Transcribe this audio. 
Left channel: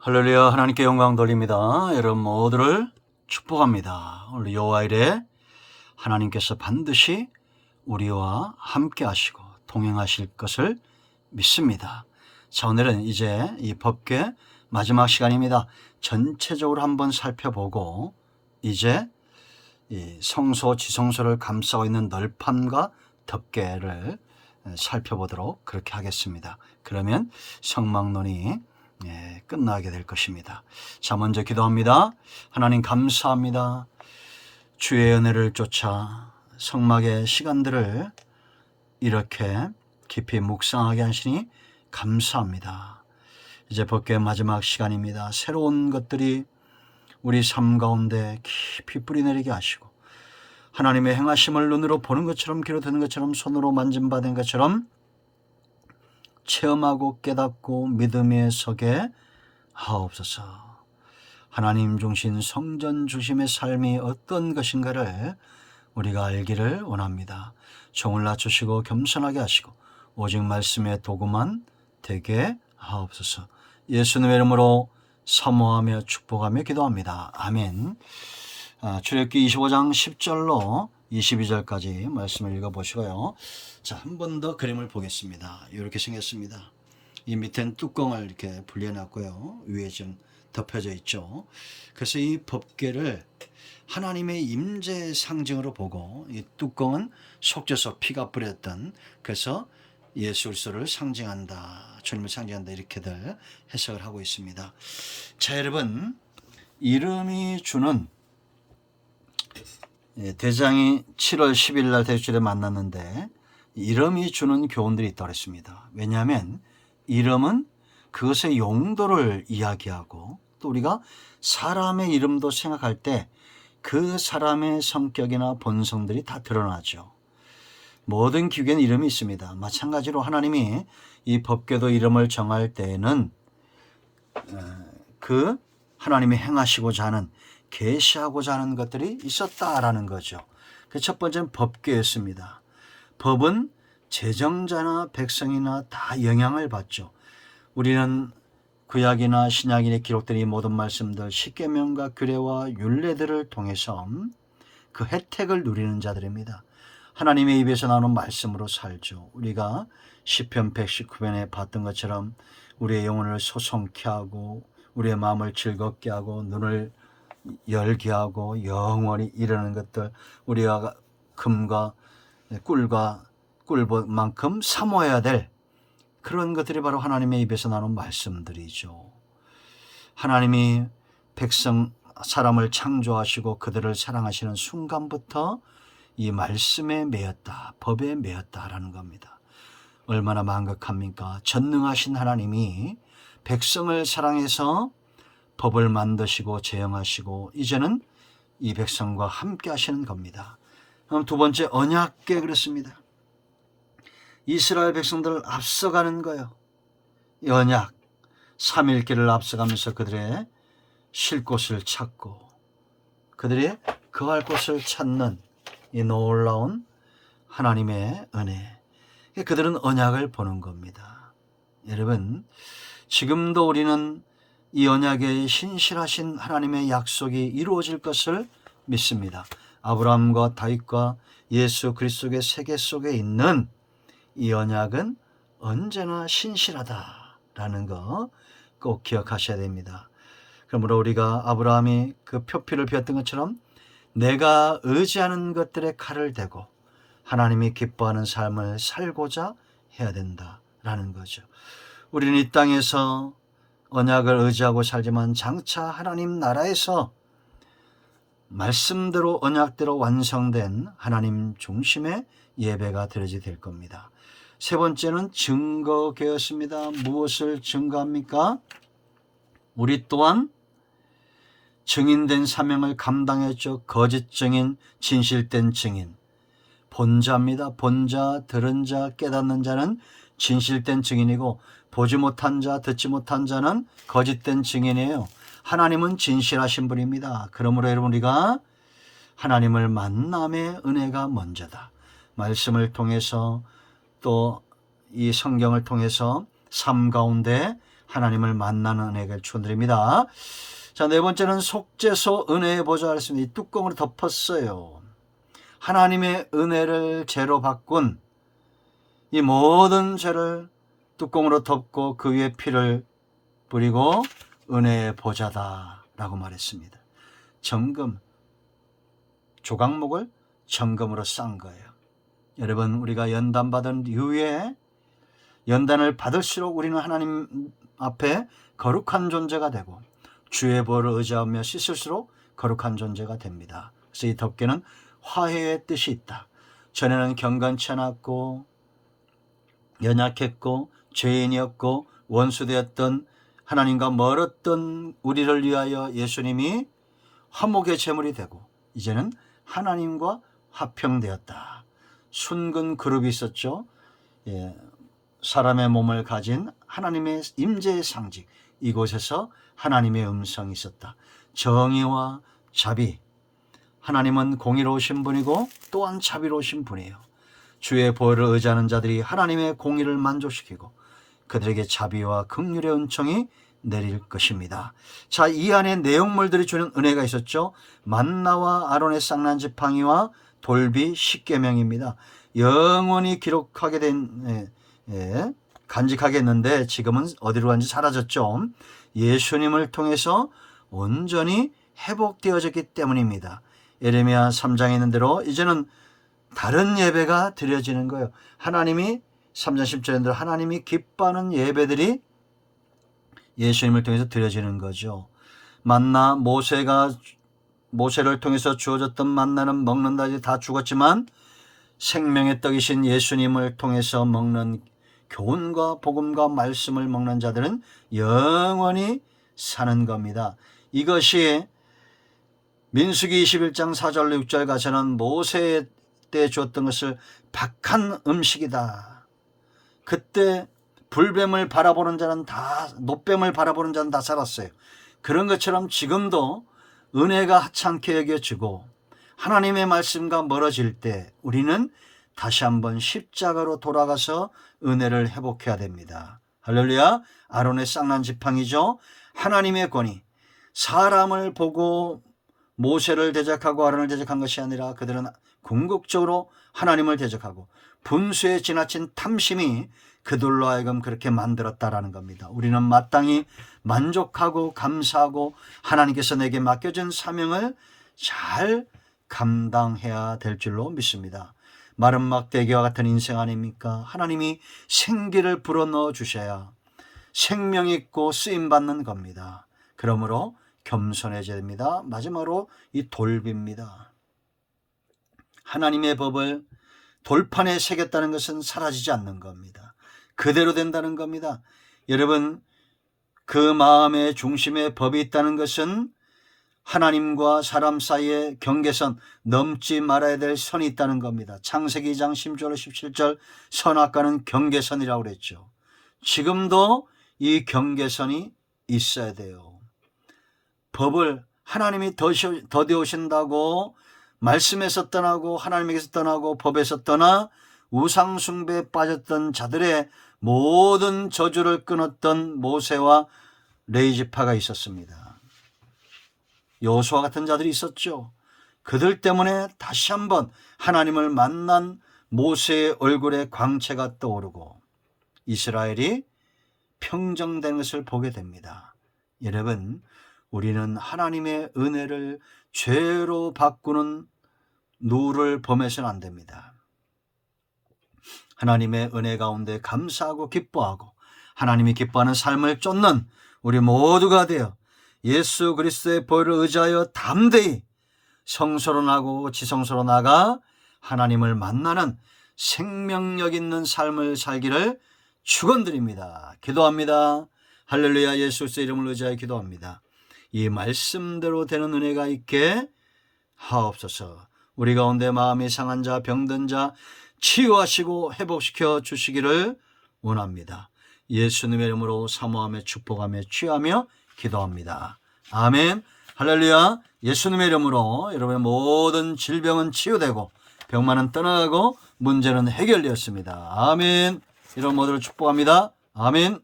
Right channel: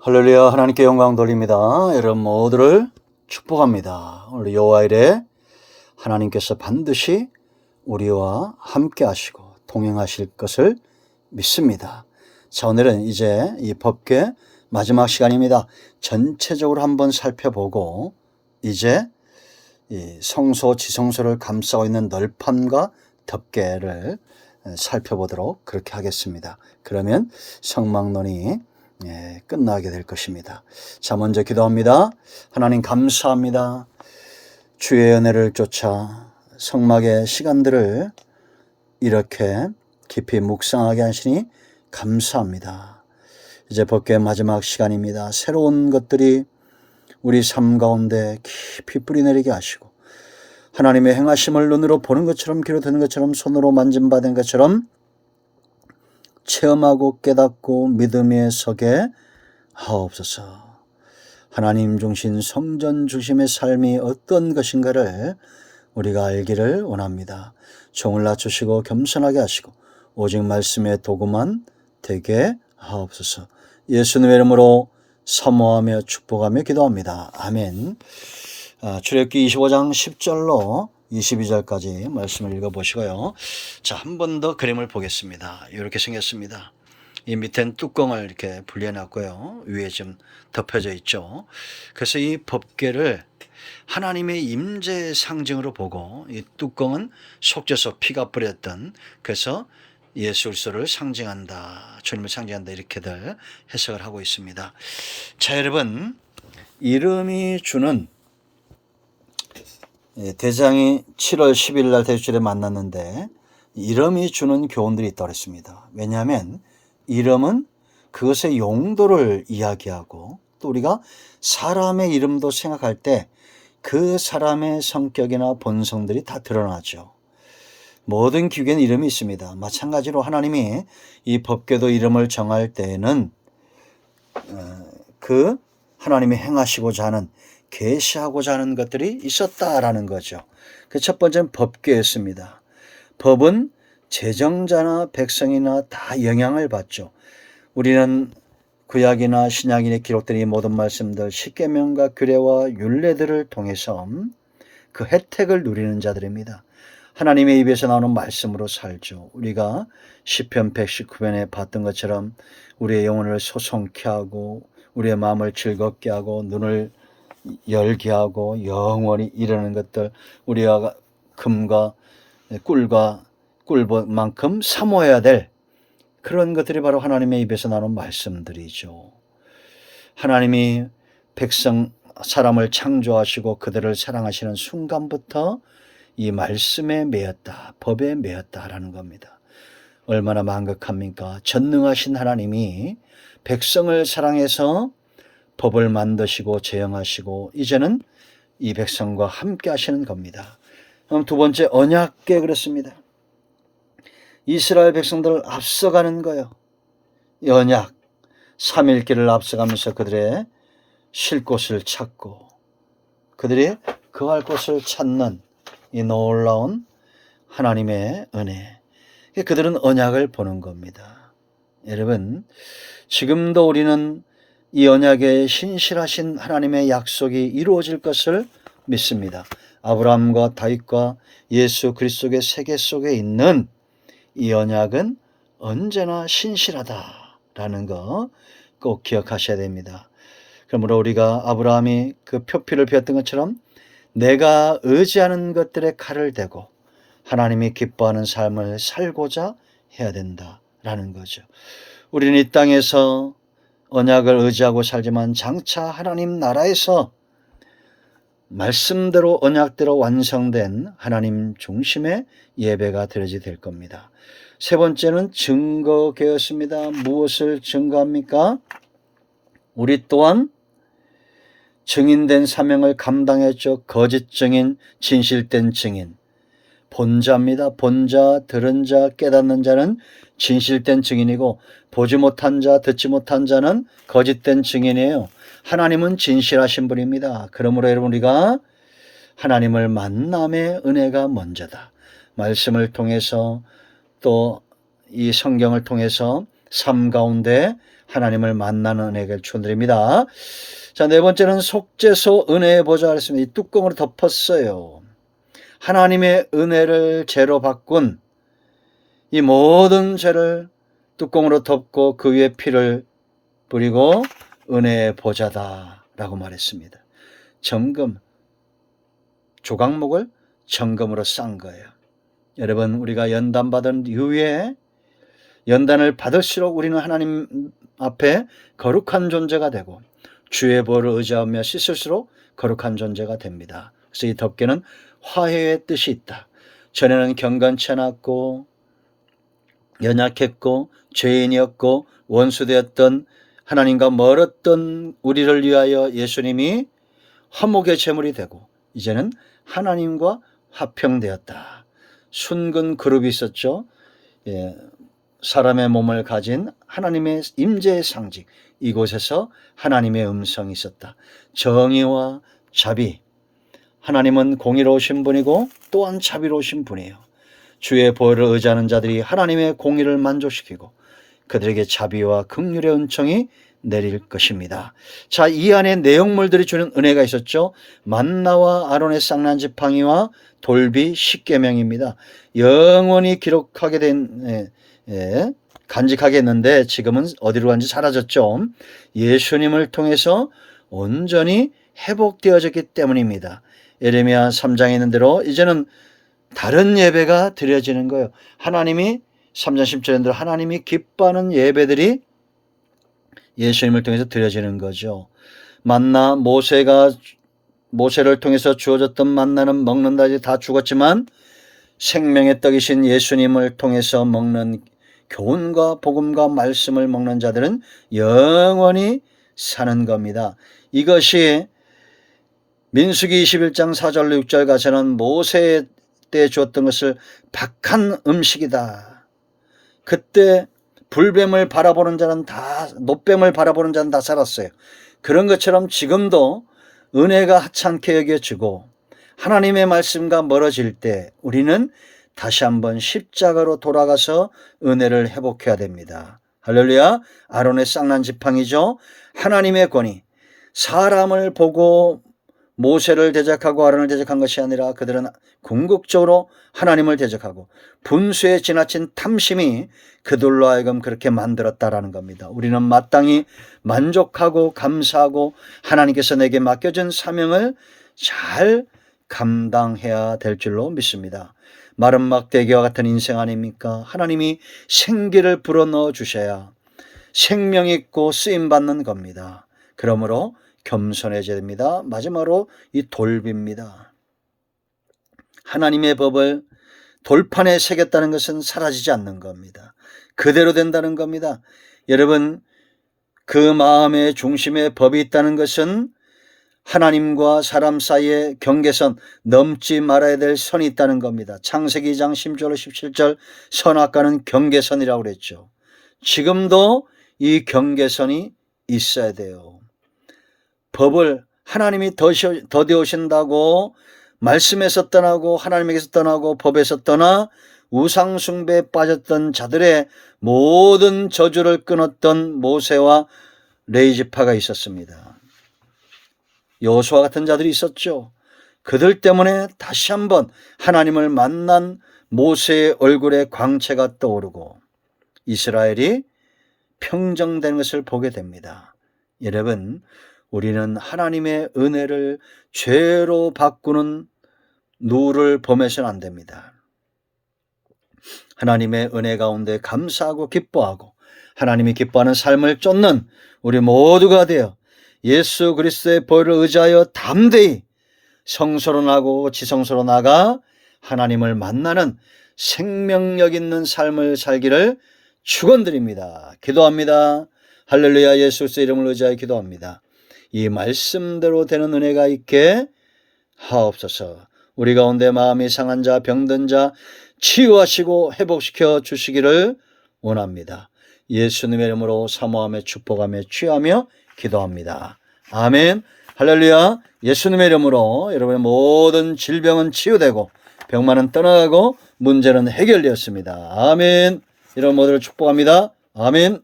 할렐루야. 하나님께 영광 돌립니다. 여러분 모두를 축복합니다. 우리 여호와일에 하나님께서 반드시 우리와 함께 하시고 동행하실 것을 믿습니다. 자, 오늘은 이제 이 법궤 마지막 시간입니다. 전체적으로 한번 살펴보고 이제 이 성소 지성소를 감싸고 있는 널판과 덮개를 살펴보도록 그렇게 하겠습니다. 그러면 성막론이 끝나게 될 것입니다. 자, 먼저 기도합니다. 하나님 감사합니다. 주의 은혜를 쫓아 성막의 시간들을 이렇게 깊이 묵상하게 하시니 감사합니다. 이제 법궤 마지막 시간입니다. 새로운 것들이 우리 삶 가운데 깊이 뿌리내리게 하시고 하나님의 행하심을 눈으로 보는 것처럼 귀로 듣는 것처럼 손으로 만짐받은 것처럼 체험하고 깨닫고 믿음에 서게 하옵소서. 하나님 중심 성전 중심의 삶이 어떤 것인가를 우리가 알기를 원합니다. 종을 낮추시고 겸손하게 하시고 오직 말씀의 도구만 되게 하옵소서. 예수님의 이름으로 사모하며 축복하며 기도합니다. 아멘. 출애굽기 25장 10절로 22절까지 말씀을 읽어보시고요. 자, 한 번 더 그림을 보겠습니다. 이렇게 생겼습니다. 이 밑엔 뚜껑을 이렇게 분리해놨고요. 위에 좀 덮여져 있죠. 그래서 이 법궤를 하나님의 임재의 상징으로 보고 이 뚜껑은 속죄소 피가 뿌렸던, 그래서 예수 그리스도를 상징한다, 주님을 상징한다, 이렇게들 해석을 하고 있습니다. 자, 여러분, 이름이 주는 대장이 7월 10일 날 대주일에 만났는데 이름이 주는 교훈들이 있다고 했습니다. 왜냐하면 이름은 그것의 용도를 이야기하고 또 우리가 사람의 이름도 생각할 때 그 사람의 성격이나 본성들이 다 드러나죠. 모든 기계는 이름이 있습니다. 마찬가지로 하나님이 이 법궤도 이름을 정할 때에는 그 하나님이 행하시고자 하는 계시하고자 하는 것들이 있었다라는 거죠. 그 첫 번째는 법궤였습니다. 법은 제정자나 백성이나 다 영향을 받죠. 우리는 구약이나 신약에 기록된 이 모든 말씀들, 십계명과 규례와 율례들을 통해서 그 혜택을 누리는 자들입니다. 하나님의 입에서 나오는 말씀으로 살죠. 우리가 시편 119편에 봤던 것처럼 우리의 영혼을 소송케 하고 우리의 마음을 즐겁게 하고 눈을 열게 하고 영원히 이르는 것들, 우리가 금과 꿀만큼 사모해야 될 그런 것들이 바로 하나님의 입에서 나오는 말씀들이죠. 하나님이 사람을 창조하시고 그들을 사랑하시는 순간부터 이 말씀에 매였다, 법에 매였다라는 겁니다. 얼마나 망극합니까? 전능하신 하나님이 백성을 사랑해서 법을 만드시고 제정하시고 이제는 이 백성과 함께 하시는 겁니다. 그럼 두 번째, 언약궤. 그렇습니다. 이스라엘 백성들을 앞서가는 거예요. 이 언약, 3일길을 앞서가면서 그들의 쉴 곳을 찾고 그들이 거할 곳을 찾는 이 놀라운 하나님의 은혜, 그들은 언약을 보는 겁니다. 여러분, 지금도 우리는 이 언약에 신실하신 하나님의 약속이 이루어질 것을 믿습니다. 아브라함과 다윗과 예수 그리스도의 세계 속에 있는 이 언약은 언제나 신실하다라는 거 꼭 기억하셔야 됩니다. 그러므로 우리가 아브라함이 그 표피를 베었던 것처럼 내가 의지하는 것들에 칼을 대고 하나님이 기뻐하는 삶을 살고자 해야 된다라는 거죠. 우리는 이 땅에서 언약을 의지하고 살지만 장차 하나님 나라에서 말씀대로 언약대로 완성된 하나님 중심의 예배가 드려지게 될 겁니다. 세 번째는 증거궤였습니다. 무엇을 증거합니까? 우리 또한 증인된 사명을 감당했죠. 거짓 증인, 진실된 증인. 본자입니다. 본자, 들은 자, 깨닫는 자는 진실된 증인이고 보지 못한 자, 듣지 못한 자는 거짓된 증인이에요. 하나님은 진실하신 분입니다. 그러므로 여러분, 우리가 하나님을 만남의 은혜가 먼저다. 말씀을 통해서 또 이 성경을 통해서 삶 가운데 하나님을 만나는 은혜를 축원드립니다. 자, 네 번째는 속죄소 은혜의 보좌 그랬습니다. 이 뚜껑으로 덮었어요. 하나님의 은혜를 죄로 바꾼 이 모든 죄를 뚜껑으로 덮고 그 위에 피를 뿌리고 은혜의 보좌다라고 말했습니다. 정금, 조각목을 정금으로 싼 거예요. 여러분, 우리가 연단받은 이후에 연단을 받을수록 우리는 하나님 앞에 거룩한 존재가 되고 주의 보혈을 의지하며 씻을수록 거룩한 존재가 됩니다. 그래서 이 덮개는 화해의 뜻이 있다. 전에는 경건치 않았고 연약했고 죄인이었고 원수되었던 하나님과 멀었던 우리를 위하여 예수님이 화목의 제물이 되고 이제는 하나님과 화평되었다. 순근 그룹이 있었죠. 사람의 몸을 가진 하나님의 임재의 상징, 이곳에서 하나님의 음성이 있었다. 정의와 자비, 하나님은 공의로우신 분이고 또한 자비로우신 분이에요. 주의 보혈을 의지하는 자들이 하나님의 공의를 만족시키고 그들에게 자비와 긍휼의 은총이 내릴 것입니다. 자, 이 안에 내용물들이 주는 은혜가 있었죠. 만나와 아론의 쌍난 지팡이와 돌비 십계명입니다. 영원히 기록하게 된 간직하게 했는데 지금은 어디로 간지 사라졌죠. 예수님을 통해서 온전히 회복되어졌기 때문입니다. 예레미야 3장에 있는 대로 이제는 다른 예배가 드려지는 거예요. 하나님이 3장 10절에 대로 하나님이 기뻐하는 예배들이 예수님을 통해서 드려지는 거죠. 만나 모세를 통해서 주어졌던 만나는 먹는다 이제 다 죽었지만 생명의 떡이신 예수님을 통해서 먹는 교훈과 복음과 말씀을 먹는 자들은 영원히 사는 겁니다. 이것이 민수기 21장 4절로 6절 가서는 모세 때 주었던 것을 박한 음식이다. 그때 불뱀을 바라보는 자는 다, 노뱀을 바라보는 자는 다 살았어요. 그런 것처럼 지금도 은혜가 하찮게 여겨지고 하나님의 말씀과 멀어질 때 우리는 다시 한번 십자가로 돌아가서 은혜를 회복해야 됩니다. 할렐루야. 아론의 쌍난 지팡이죠. 하나님의 권위, 사람을 보고 모세를 대적하고 아론을 대적한 것이 아니라 그들은 궁극적으로 하나님을 대적하고 분수에 지나친 탐심이 그들로 하여금 그렇게 만들었다라는 겁니다. 우리는 마땅히 만족하고 감사하고 하나님께서 내게 맡겨진 사명을 잘 감당해야 될 줄로 믿습니다. 마른 막대기와 같은 인생 아닙니까? 하나님이 생기를 불어넣어 주셔야 생명 있고 쓰임받는 겁니다. 그러므로 겸손해져야 됩니다. 마지막으로 이 돌비입니다. 하나님의 법을 돌판에 새겼다는 것은 사라지지 않는 겁니다. 그대로 된다는 겁니다. 여러분, 그 마음의 중심에 법이 있다는 것은 하나님과 사람 사이에 경계선, 넘지 말아야 될 선이 있다는 겁니다. 창세기 2장 10절 17절 선악과는 경계선이라고 그랬죠. 지금도 이 경계선이 있어야 돼요. 법을 하나님이 더디오신다고 말씀에서 떠나고 하나님에게서 떠나고 법에서 떠나 우상숭배에 빠졌던 자들의 모든 저주를 끊었던 모세와 레위지파가 있었습니다. 여호수아 같은 자들이 있었죠. 그들 때문에 다시 한번 하나님을 만난 모세의 얼굴에 광채가 떠오르고 이스라엘이 평정된 것을 보게 됩니다. 여러분, 우리는 하나님의 은혜를 죄로 바꾸는 누를 범해서는 안 됩니다. 하나님의 은혜 가운데 감사하고 기뻐하고 하나님이 기뻐하는 삶을 쫓는 우리 모두가 되어 예수 그리스도의 보혈을 의지하여 담대히 성소로 나고 지성소로 나가 하나님을 만나는 생명력 있는 삶을 살기를 축원드립니다. 기도합니다. 할렐루야. 예수 그리스도의 이름을 의지하여 기도합니다. 이 말씀대로 되는 은혜가 있게 하옵소서. 우리 가운데 마음이 상한 자, 병든 자 치유하시고 회복시켜 주시기를 원합니다. 예수님의 이름으로 사모하며 축복하며 취하며 기도합니다. 아멘. 할렐루야. 예수님의 이름으로 여러분의 모든 질병은 치유되고 병만은 떠나가고 문제는 해결되었습니다. 아멘. 이런 모두를 축복합니다. 아멘.